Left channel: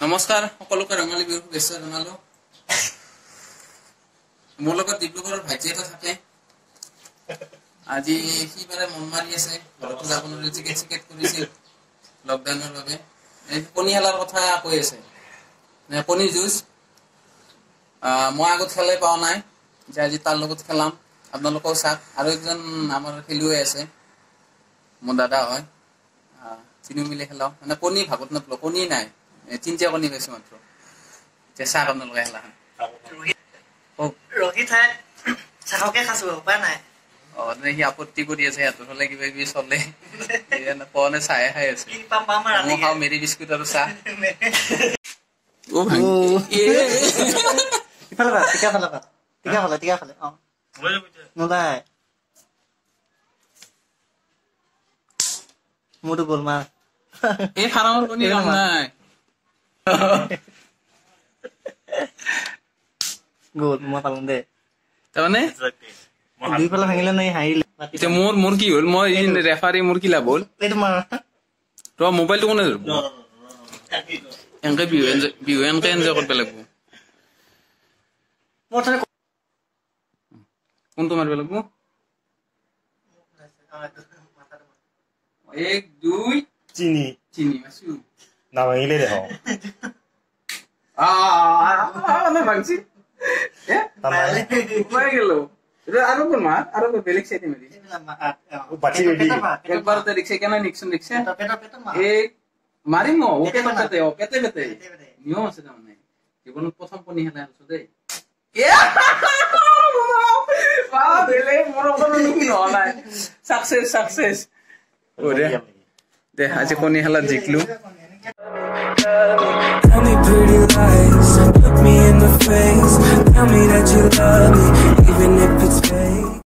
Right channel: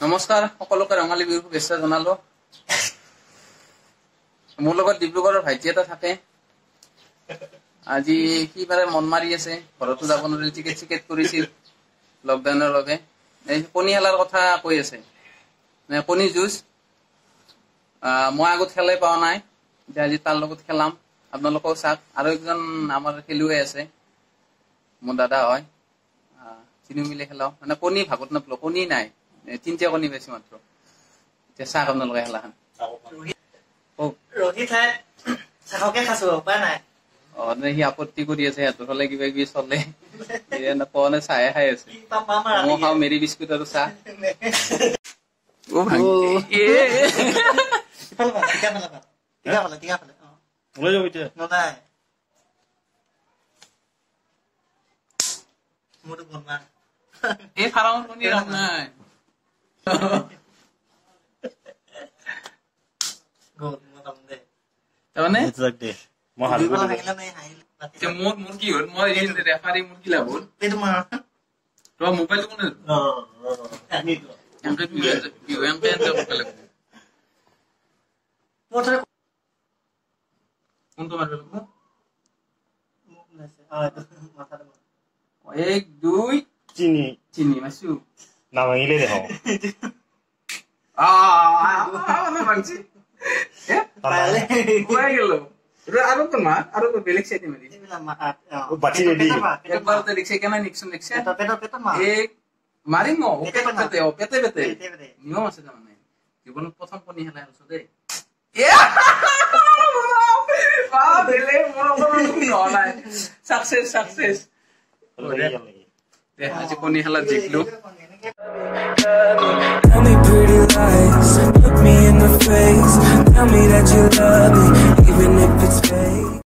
নমস্কাৰ সকলোকে ৰঙালী বিহুৰ শুভেচ্ছা জনালো। মোৰ লগত ডিব্ৰুগড়ৰ ভাইটি এটা থাকে। আজি সি বাৰে মন মাৰি আছে, ঘৰতো যাব নোৱাৰি, টিকেট কৰিছিল লকডাউনৰ বাবে। কণী খেলাৰ কথা কৈ আছে, কণী যুঁজ। মই আগত খেলাই পোৱা নাই, যে আজি তাৰ লগত খেলাম, আপোনালোকেও চাওক। আৰু একজন আমাৰ খেলুৱৈ আছে, মোৰ দাদা হয়, তিনিও মিলি খেলাও। মানে কণী ভাগত নাপালো, কণী নাই, তিনিটা কণী পাইছো মাত্ৰ। এতিয়া চাওক আপোনালোকে খেলাখন। সি আপত্তি কৰি আছে, সিহঁতৰ ফালে কিবা কিবি চলে, পোৱা নে চাহে খাই আছে। মই খাওঁ মেৰি বিস্কুট আৰু চাহ। মোৰতো গ'ল মা এই ফাৰ্মৰ কণী কাম নাই। গ'ল মই পালো দে। তাৰমানে দুই ফালে ভাঙিলে নাই, হাৰিলে। মোৰ কি হ'ল, মই ৰেফাৰী, মোৰ কি লাভ হ'ল? তোমাৰ মোবাইলটো কোনে ধৰিব? এনেকে বিহু এনেকে এনজয় কৰিব লাগিব। কোনটো মাৰিব লাগিব? 1 2 3 মাৰিছো। নাভাঙিলে দেখো ভাঙছি গেলো। আৰু কোন মাৰ আৰু বেলেগ চাইডে মাৰি একবাৰতে ৰিক্সা কেনে নিকচোন ৰিক্সা মাৰিম পেটে পেটে নিয়ম আছে। তাৰমানে জীৱনত প্ৰথম কণী খেলাই আছো দেই। আজি কণী খেলাত জিকলো। Tell me pretty lies, look me in the face, tell me that you love me, even if it's